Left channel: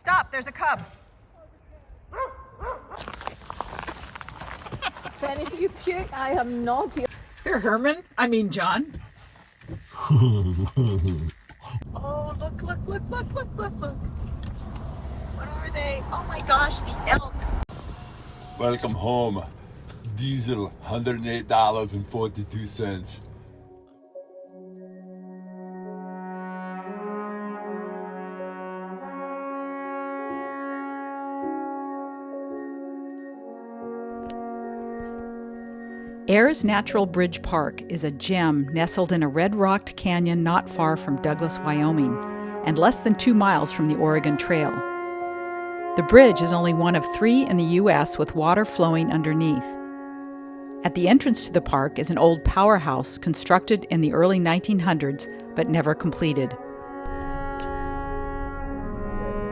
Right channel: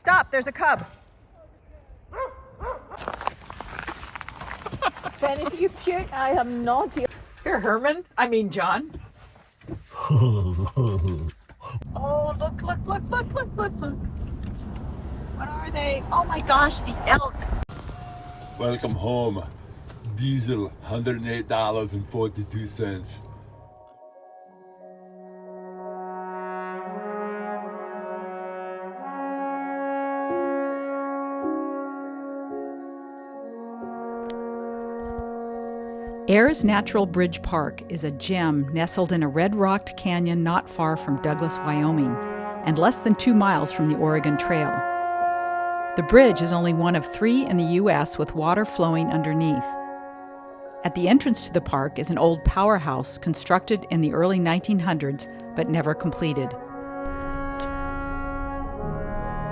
Stop, there's a cub. Fanny, you cute. I am naughty. Here, Herman. John. Oh, look. What are they? Oh my gosh, the elk. Welcome home. Diesel, $108.42. Ayers Natural Bridge Park is a gem nestled in a red-rocked canyon not far from Douglas, Wyoming, and less than 2 miles from the Oregon Trail. The bridge is only one of 3 in the U.S. with water flowing underneath. At the entrance to the park is an old powerhouse constructed in the early 1900s but never completed.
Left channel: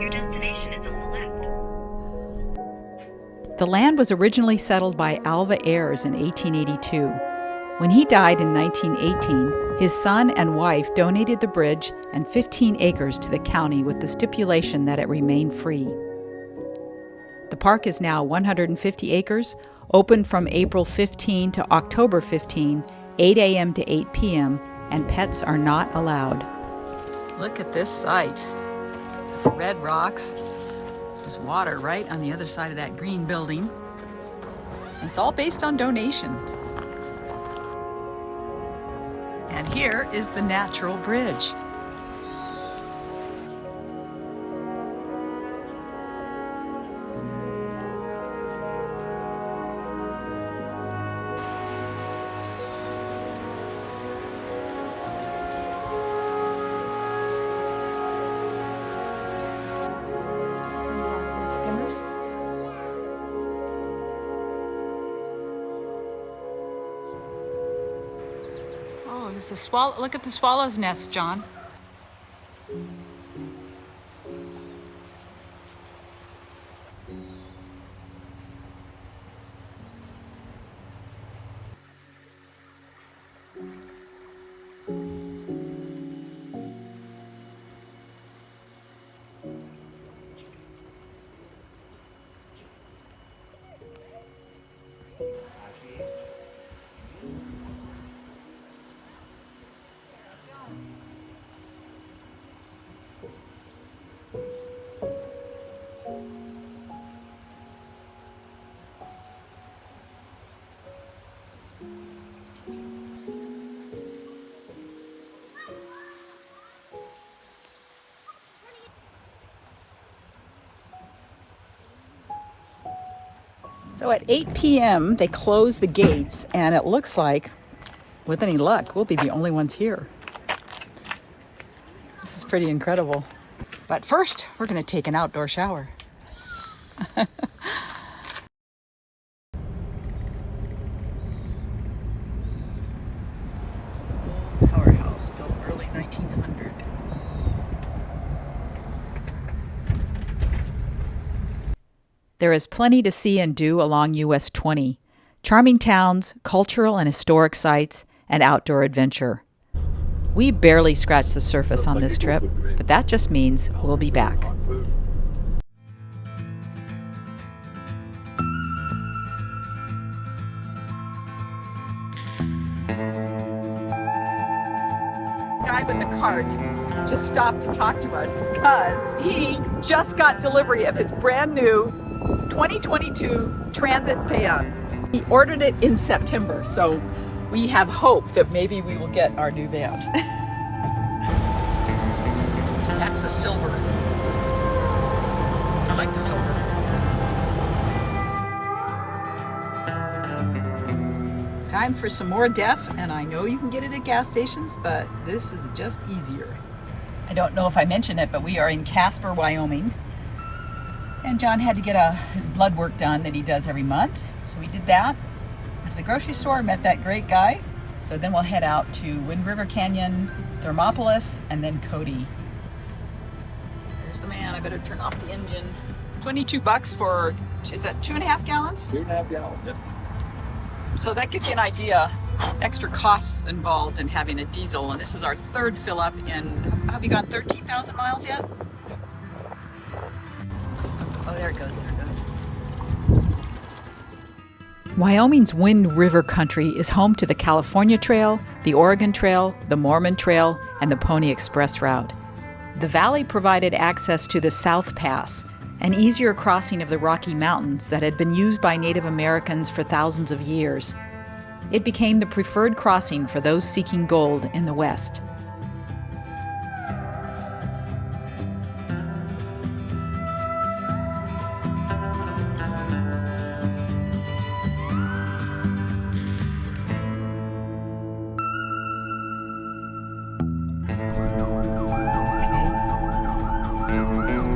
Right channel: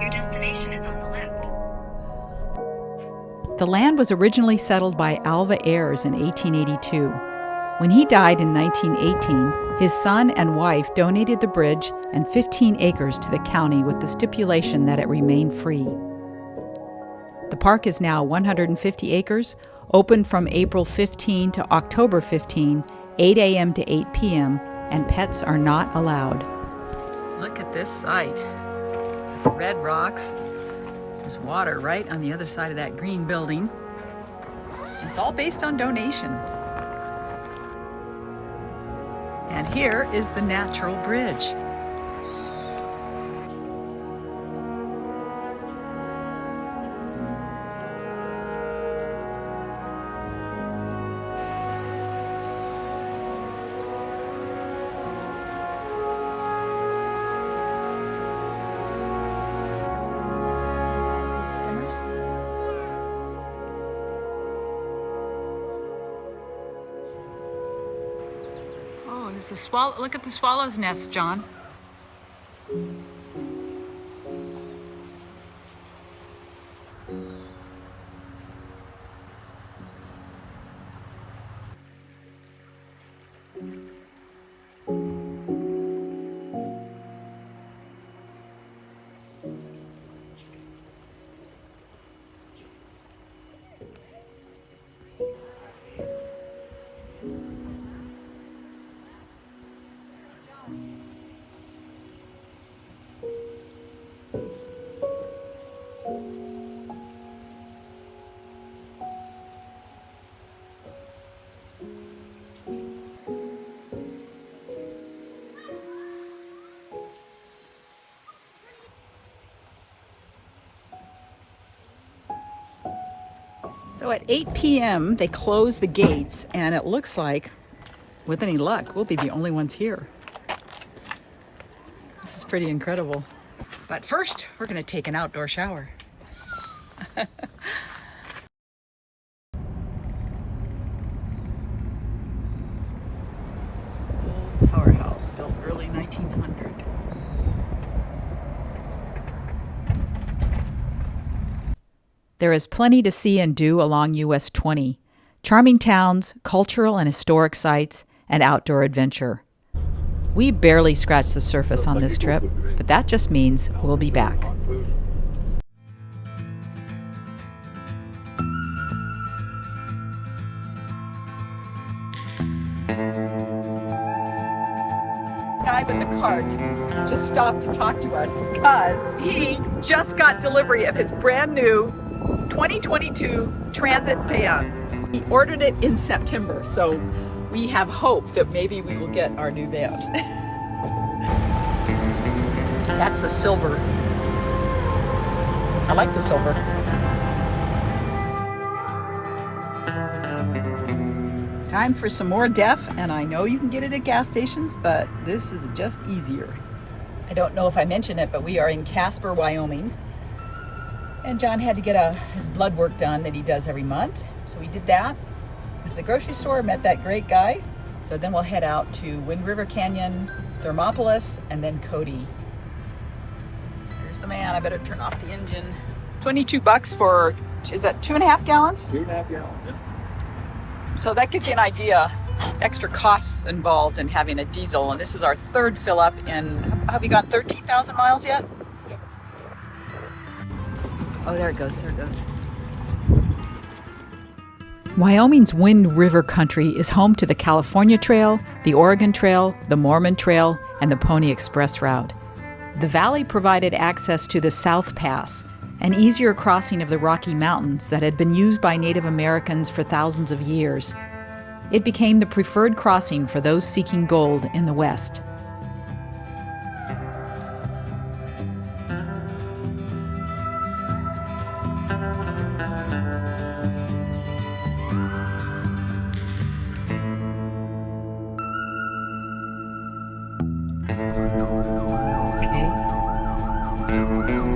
Your destination is on the left. The land was originally settled by Alva Ayers in 1882. When he died in 1918, his son and wife donated the bridge and 15 acres to the county with the stipulation that it remain free. The park is now 150 acres, open from April 15 to October 15, 8 a.m. to 8 p.m., and pets are not allowed. Look at this site. Red rocks. There's water right on the other side of that green building. It's all based on donation. And here is the natural bridge. Oh, there's a swallow. Look at the swallow's nest, John. So at 8 p.m. they close the gates, and it looks like, with any luck, we'll be the only ones here. This is pretty incredible. But first, we're going to take an outdoor shower. Powerhouse built early 1900. There is plenty to see and do along US 20. Charming towns, cultural and historic sites, and outdoor adventure. We barely scratched the surface on this trip, but that just means we'll be back. Guy with the cart just stopped to talk to us because he just got delivery of his brand new 2022 Transit van. He ordered it in September, so we have hope that maybe we will get our new van. That's a silver. I like the silver. Time for some more Def, and I know you can get it at gas stations, but this is just easier. I don't know if I mentioned it, but we are in Casper, Wyoming. And John had to get his blood work done that he does every month. So we did that. Went to the grocery store, met that great guy. So then we'll head out to Wind River Canyon, Thermopolis, and then Cody. There's the man. I better turn off the engine. $22 for, is that 2.5 gallons? 2.5 gallons, yeah. So that gives you an idea. Extra costs involved in having a diesel. And this is our third fill up in, have you gone 13,000 miles yet? Oh, there it goes. There it goes. Wyoming's Wind River country is home to the California Trail, the Oregon Trail, the Mormon Trail, and the Pony Express route. The valley provided access to the South Pass, an easier crossing of the Rocky Mountains that had been used by Native Americans for thousands of years. It became the preferred crossing for those seeking gold in the West.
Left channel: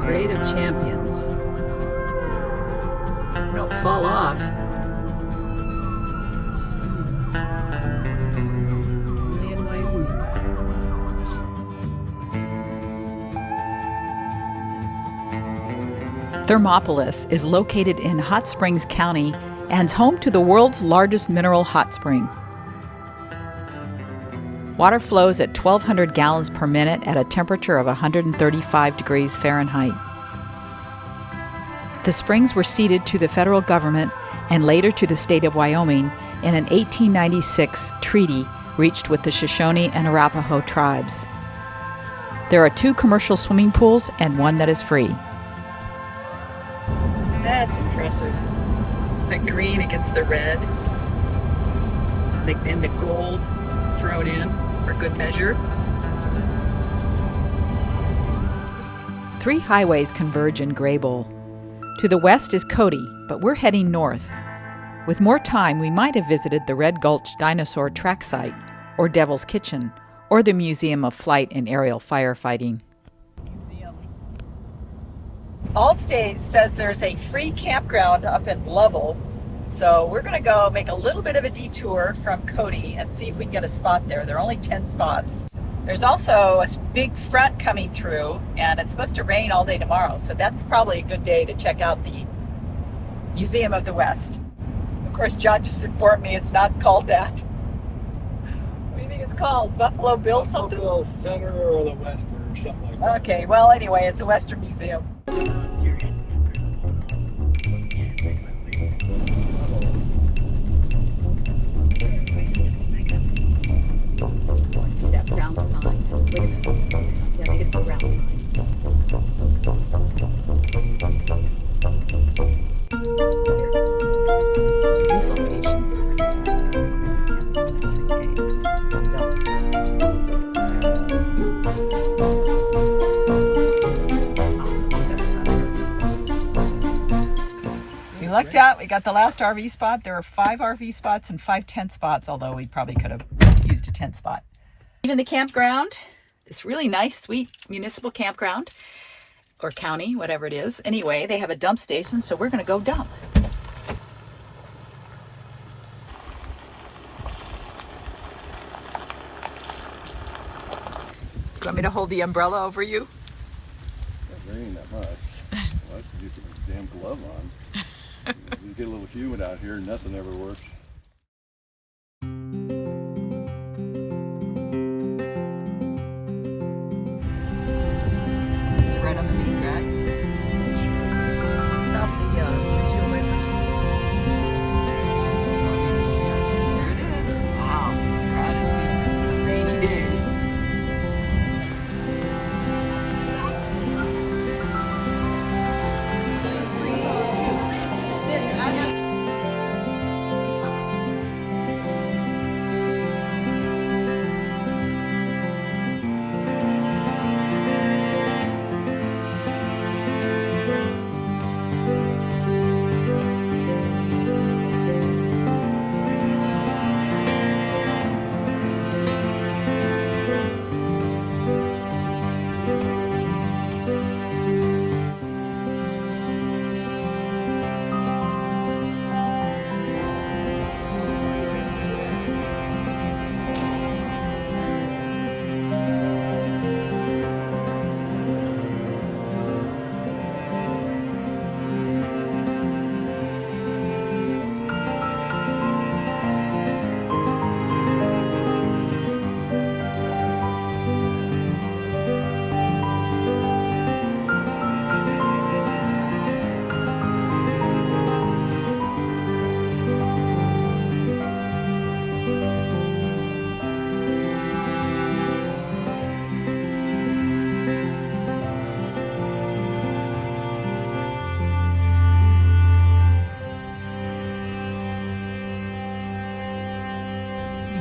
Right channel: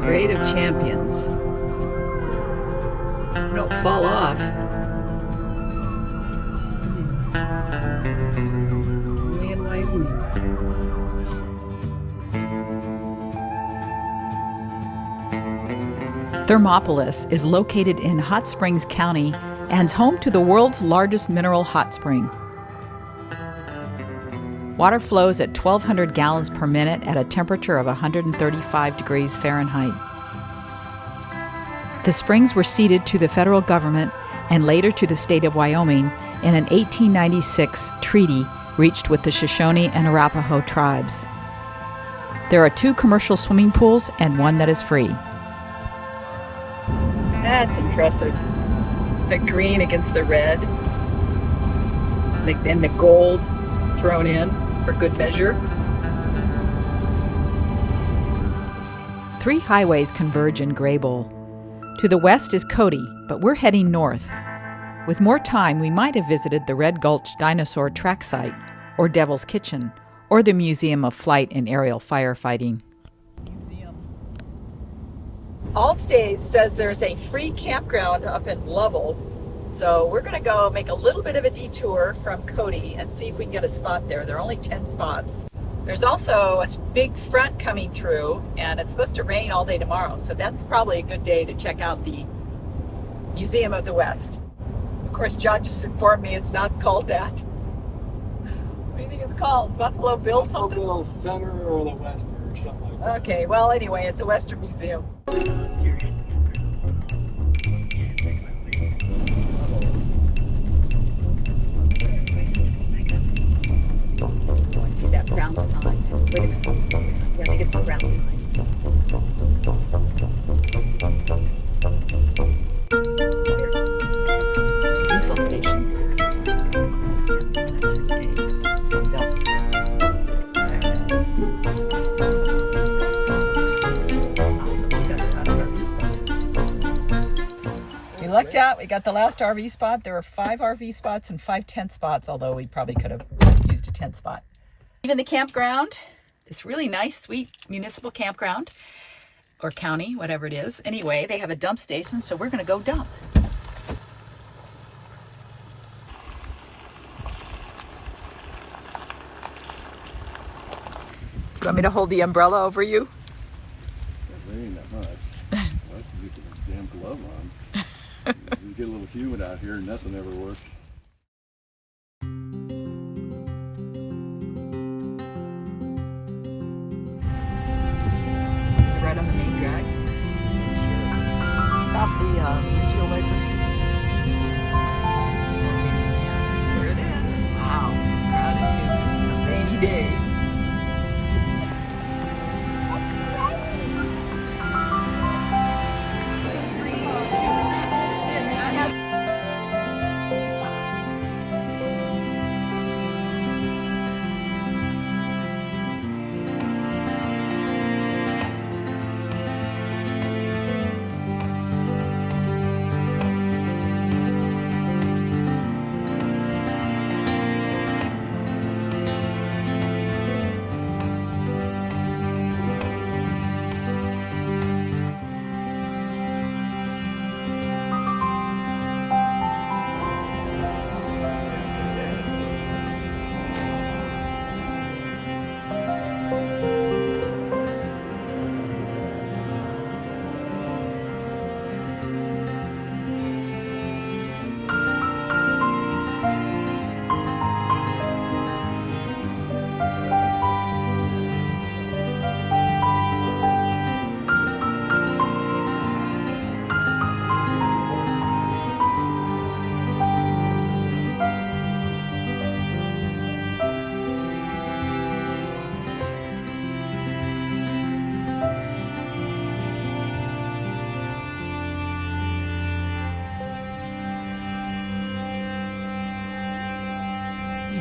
Parade of Champions. Don't fall off. Thermopolis is located in Hot Springs County and is home to the world's largest mineral hot spring. Water flows at 1,200 gallons per minute at a temperature of 135 degrees Fahrenheit. The springs were ceded to the federal government and later to the state of Wyoming in an 1896 treaty reached with the Shoshone and Arapaho tribes. There are 2 commercial swimming pools and 1 that is free. That's impressive. The green against the red, and the gold thrown in for good measure. 3 highways converge in Graybull. To the west is Cody, but we're heading north. With more time, we might have visited the Red Gulch Dinosaur Track Site, or Devil's Kitchen, or the Museum of Flight and Aerial Firefighting. Allstays says there's a free campground up in Lovell, so we're going to go make a little bit of a detour from Cody and see if we can get a spot there. There are only 10 spots. There's also a big front coming through, and it's supposed to rain all day tomorrow, so that's probably a good day to check out the Museum of the West. Of course, John just informed me it's not called that. What do you think it's called? Buffalo Bill something? Buffalo Center or the Western or something like that. Okay, well, anyway, it's a Western museum. Serious answer. I see that brown sign. Wait a minute. Yeah, I think it's a brown sign. Diesel station. We lucked out. We got the last RV spot. There are 5 RV spots and 5 tent spots, although we probably could have used a tent spot. Even the campground, this really nice, sweet municipal campground, or county, whatever it is. Anyway, they have a dump station, so we're going to go dump. You want me to hold the umbrella over you? It's not raining that much. I like to get the damn glove on. You get a little humid out here and nothing ever works. It's right on the main drag. Stop the windshield wipers. Oh, maybe you can't. There it is. Wow, it's crowded too because it's a rainy day.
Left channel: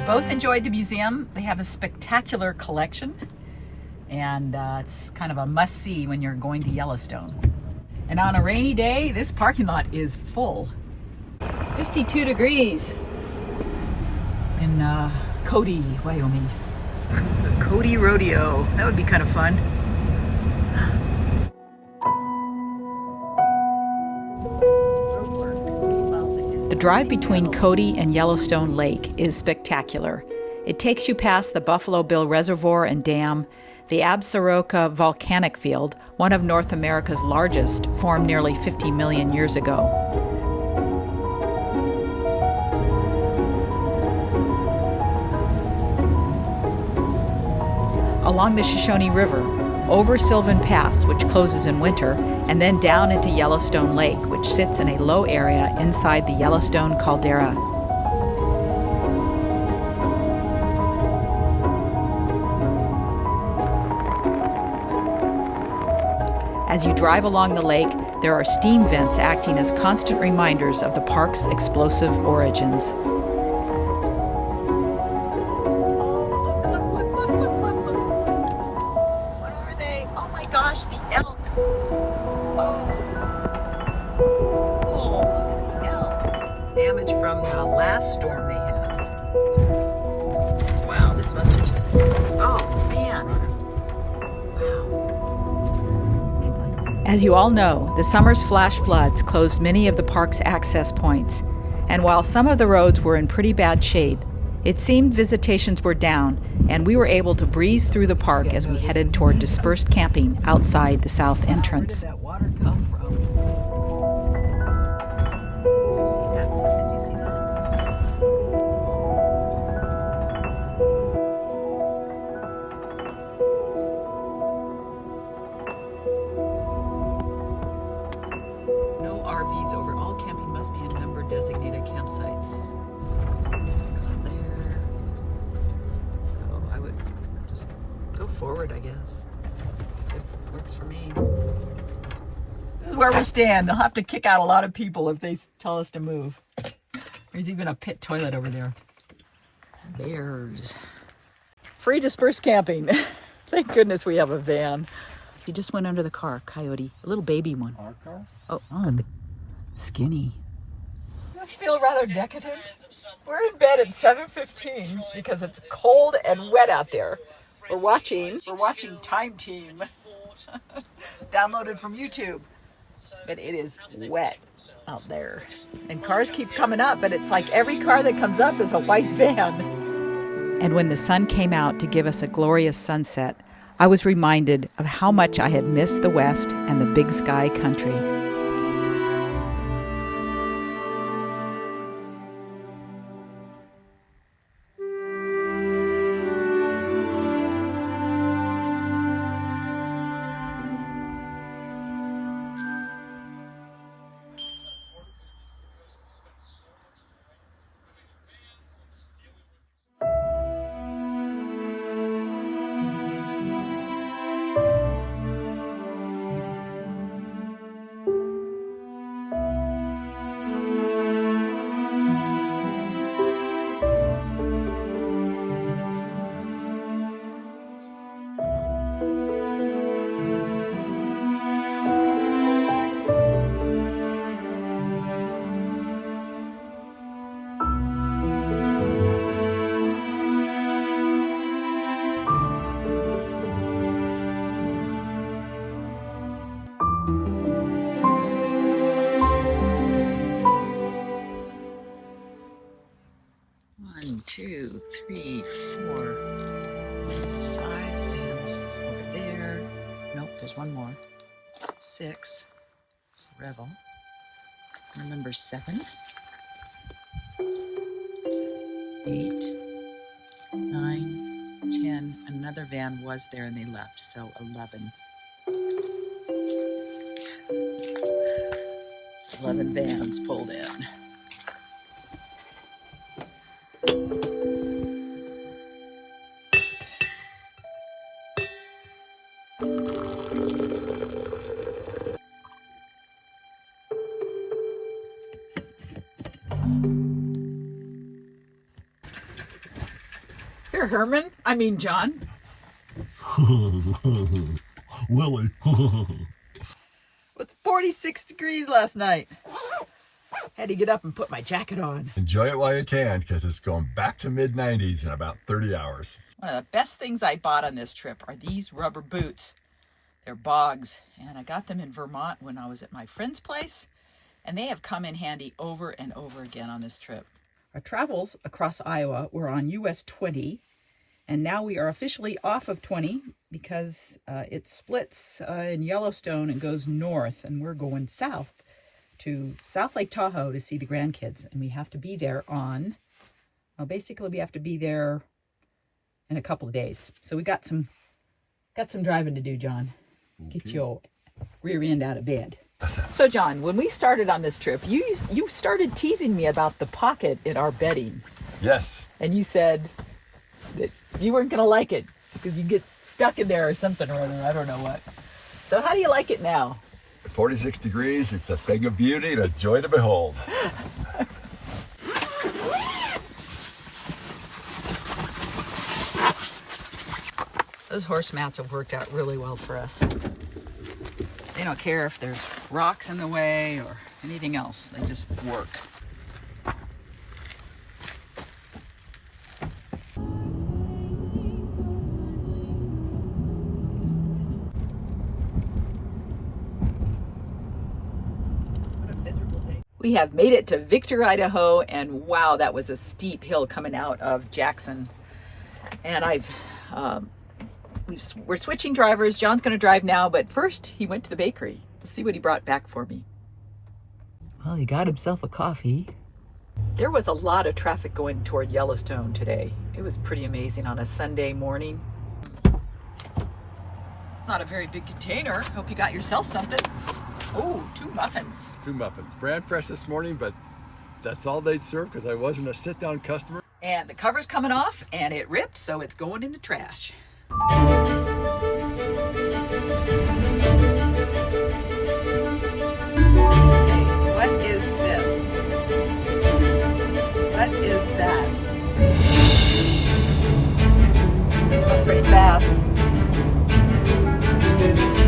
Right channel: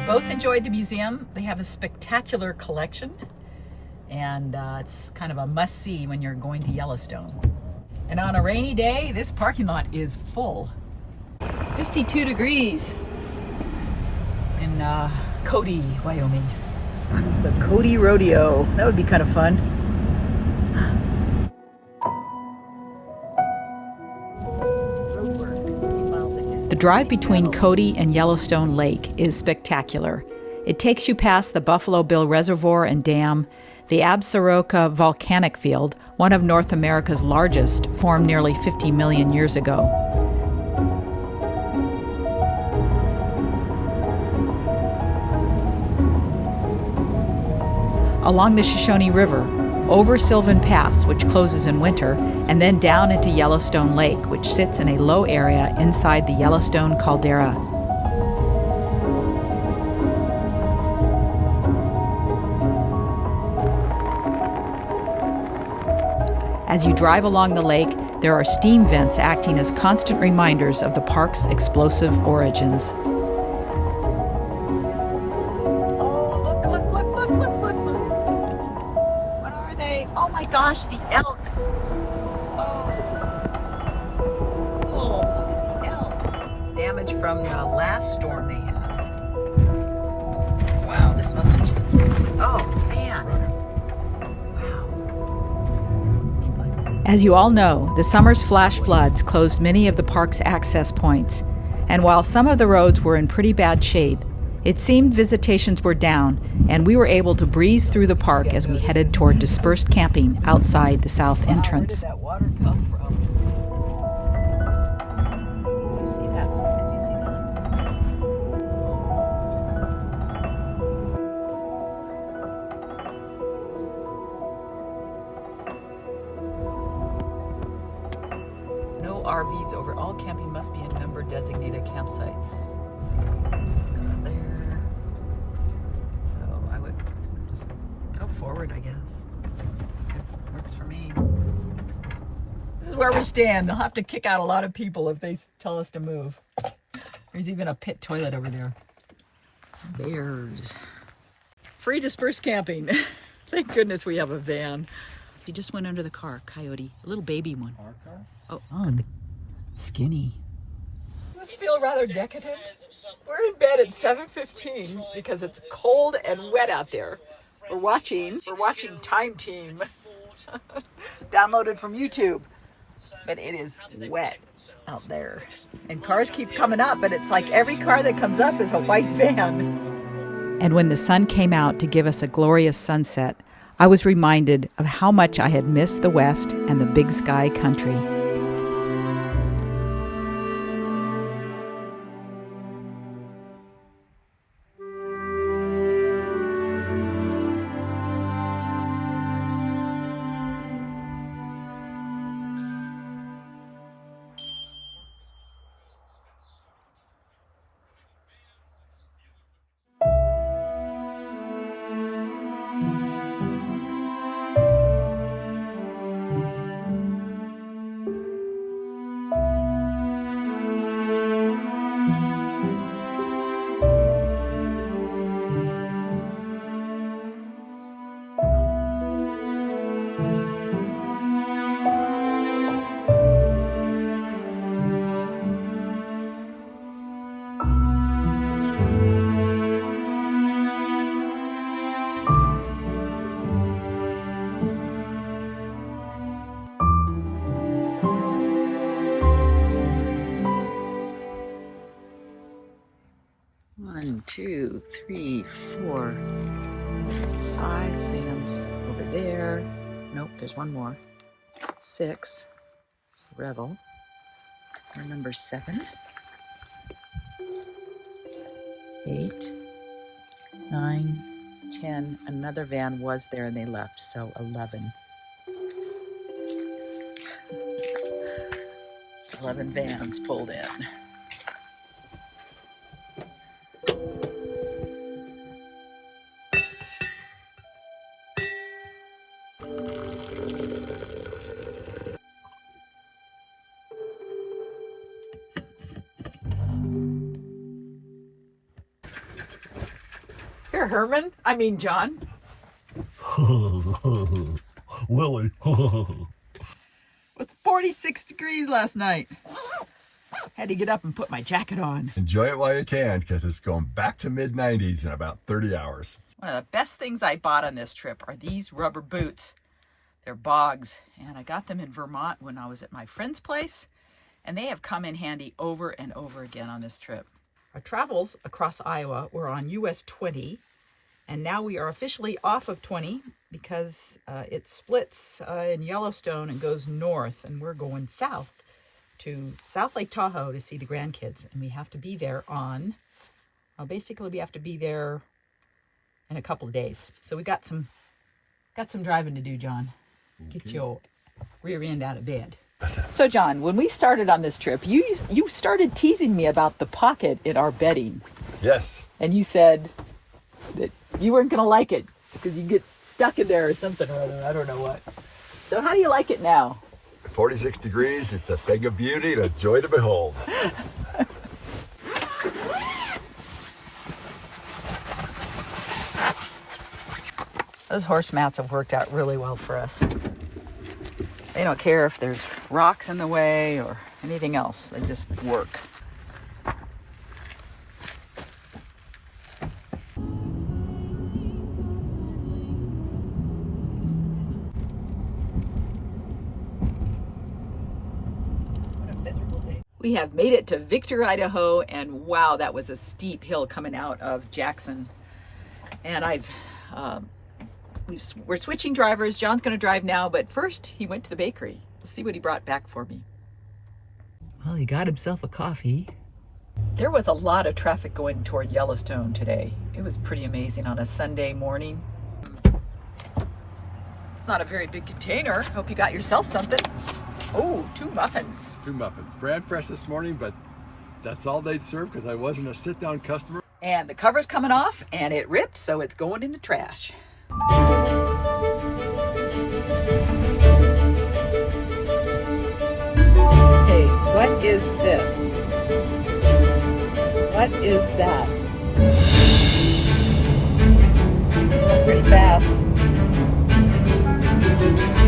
both enjoyed the museum. They have a spectacular collection, and it's kind of a must-see when you're going to Yellowstone. And on a rainy day, this parking lot is full. 52 degrees in Cody, Wyoming. There's the Cody Rodeo. That would be kind of fun. The drive between Cody and Yellowstone Lake is spectacular. It takes you past the Buffalo Bill Reservoir and Dam, the Absaroka volcanic field, one of North America's largest, formed nearly 50 million years ago. Along the Shoshone River, over Sylvan Pass, which closes in winter, and then down into Yellowstone Lake, which sits in a low area inside the Yellowstone caldera. As you drive along the lake, there are steam vents acting as constant reminders of the park's explosive origins. Gosh, the elk. Oh, look at the elk. Damage from the last storm they had. Wow, this must have just, oh man. Wow. As you all know, the summer's flash floods closed many of the park's access points. And while some of the roads were in pretty bad shape, it seemed visitations were down, and we were able to breeze through the park as we headed toward dispersed camping outside the south entrance. Where did that water come from? Did you see that? Did you see that? No RVs over. All camping must be in number designated campsites. Forward, I guess. It works for me. This is where we stand. They'll have to kick out a lot of people if they tell us to move. There's even a pit toilet over there. Bears. Free dispersed camping. Thank goodness we have a van. He just went under the car, Coyote. A little baby one. Our car? Oh, skinny. Does it feel rather decadent? We're in bed at 7:15 because it's cold and wet out there. We're watching Tame, downloaded from YouTube, but it is wet out there. And cars keep coming up, but it's like every car that comes up is a white van. And when the sun came out to give us a glorious sunset, I was reminded of how much I had missed the West and the big sky country. One, two, three, 4, 5 vans over there. Nope, there's one more. 6. It's the Rebel. We're number 7. 8, 9, 10. Another van was there and they left, so 11. 11 vans pulled in. there, Herman. I mean, John. Willie. It was 46 degrees last night. Had to get up and put my jacket on. Enjoy it while you can, because it's going back to mid-90s in about 30 hours. One of the best things I bought on this trip are these rubber boots. They're bogs, and I got them in Vermont when I was at my friend's place, and they have come in handy over and over again on this trip. Our travels across Iowa were on US 20, and now we are officially off of 20 because it splits in Yellowstone and goes north, and we're going south to South Lake Tahoe to see the grandkids, and we have to be there on, well, basically we have to be there in a couple of days. So we got some driving to do, John. Get your rear end out of bed. So, John, when we started on this trip, you started teasing me about the pocket in our bedding. Yes. And you said that you weren't going to like it because you get stuck in there or something or other. I don't know what. So how do you like it now? 46 degrees, it's a thing of beauty and a joy to behold. Those horse mats have worked out really well for us. They don't care if there's rocks in the way or anything else. They just work. We have made it to Victor, Idaho, and wow, that was a steep hill coming out of Jackson. And we're switching drivers. John's going to drive now, but first he went to the bakery. Let's see what he brought back for me. Well, he got himself a coffee. There was a lot of traffic going toward Yellowstone today. It was pretty amazing on a Sunday morning. It's not a very big container. Hope you got yourself something. Oh, 2 muffins. 2 muffins. Brand fresh this morning, but that's all they'd serve because I wasn't a sit-down customer. And the cover's coming off, and it ripped, so it's going in the trash. Hey, what is this? What is that? Pretty fast.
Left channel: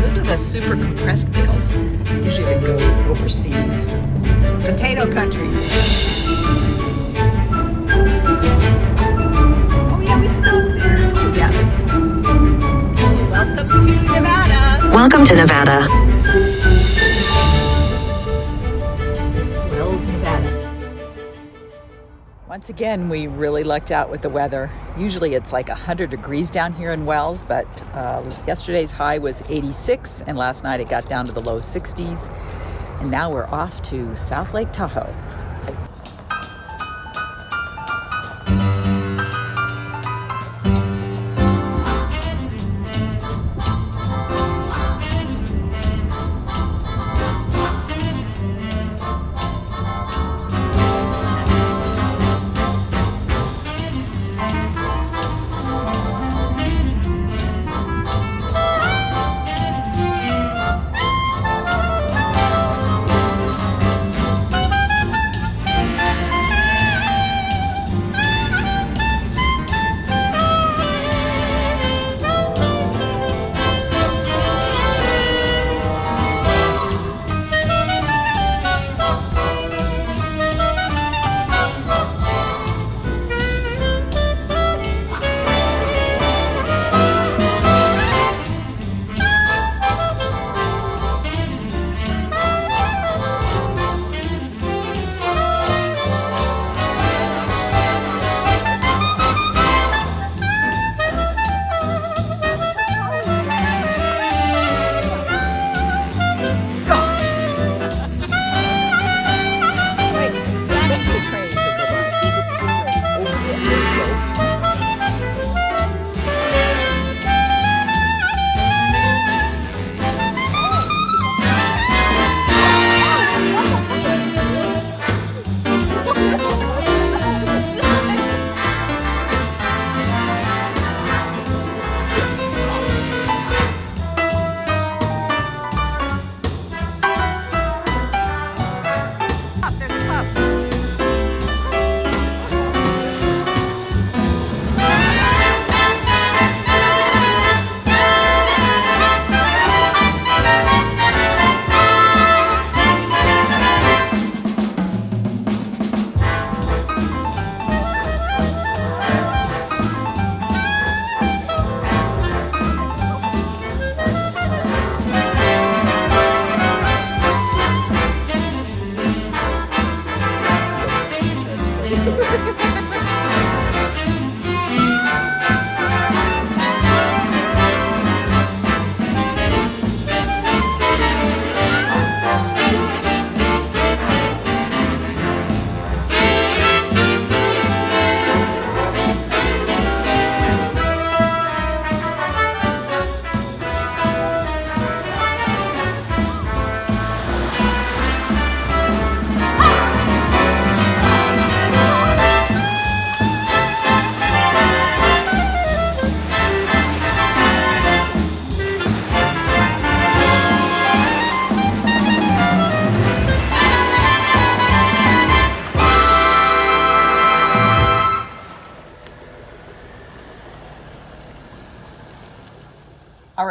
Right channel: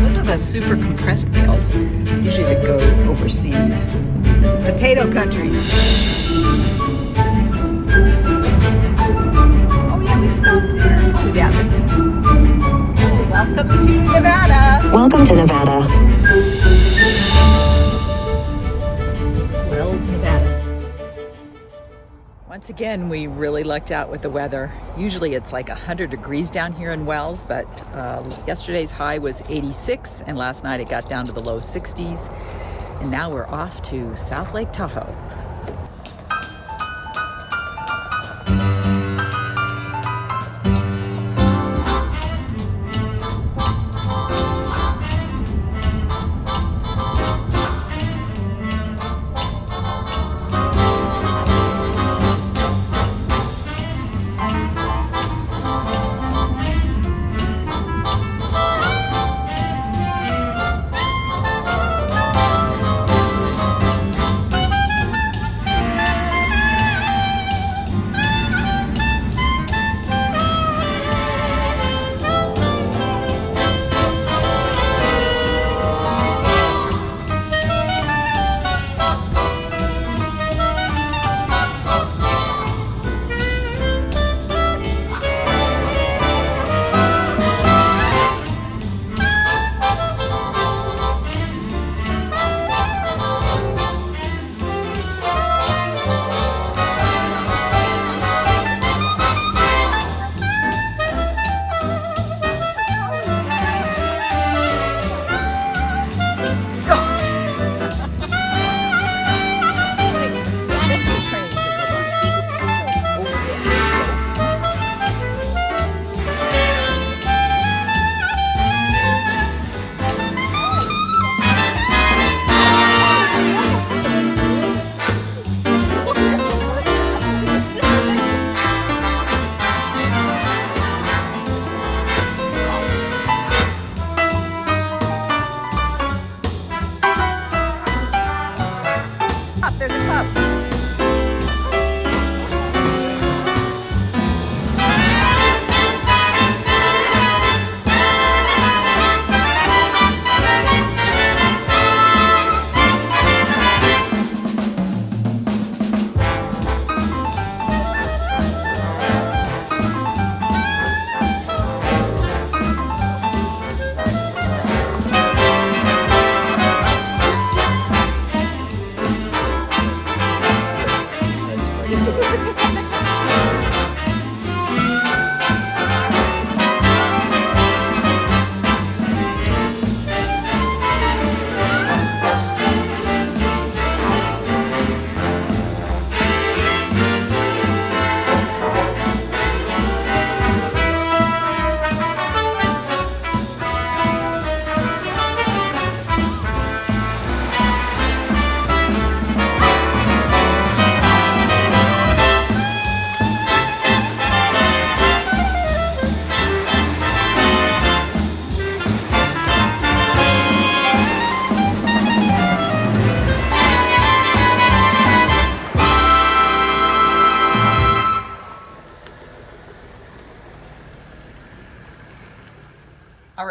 Those are the super compressed meals, usually that go overseas. It's potato country. Oh yeah, we stopped there. Oh yeah. Oh, welcome to Nevada. Welcome to Nevada. Wells, Nevada. Once again, we really lucked out with the weather. Usually it's like 100 degrees down here in Wells, but yesterday's high was 86, and last night it got down to the low 60s. And now we're off to South Lake Tahoe.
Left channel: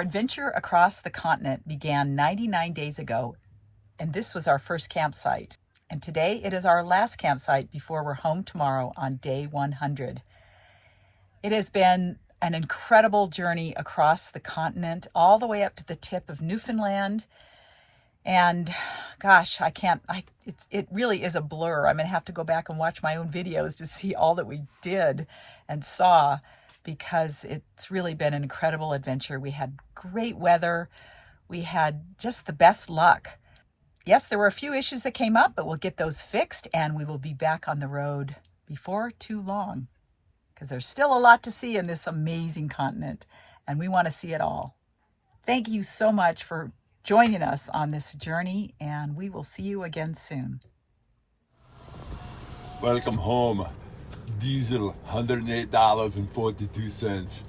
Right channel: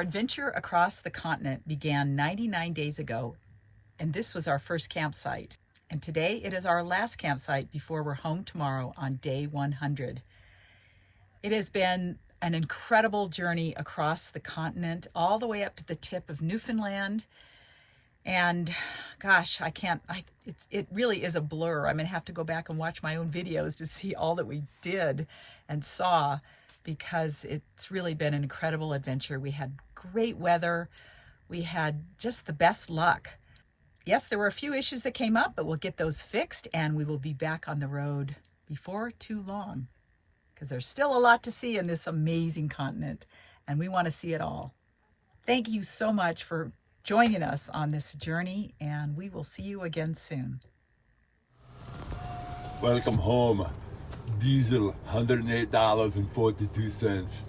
adventure across the continent began 99 days ago, and this was our first campsite. And today it is our last campsite before we're home tomorrow on day 100. It has been an incredible journey across the continent, all the way up to the tip of Newfoundland. And gosh, it really is a blur. I'm going to have to go back and watch my own videos to see all that we did and saw, because it's really been an incredible adventure. We had great weather. We had just the best luck. Yes, there were a few issues that came up, but we'll get those fixed and we will be back on the road before too long, because there's still a lot to see in this amazing continent and we want to see it all. Thank you so much for joining us on this journey, and we will see you again soon. Welcome home. Diesel, $108.42.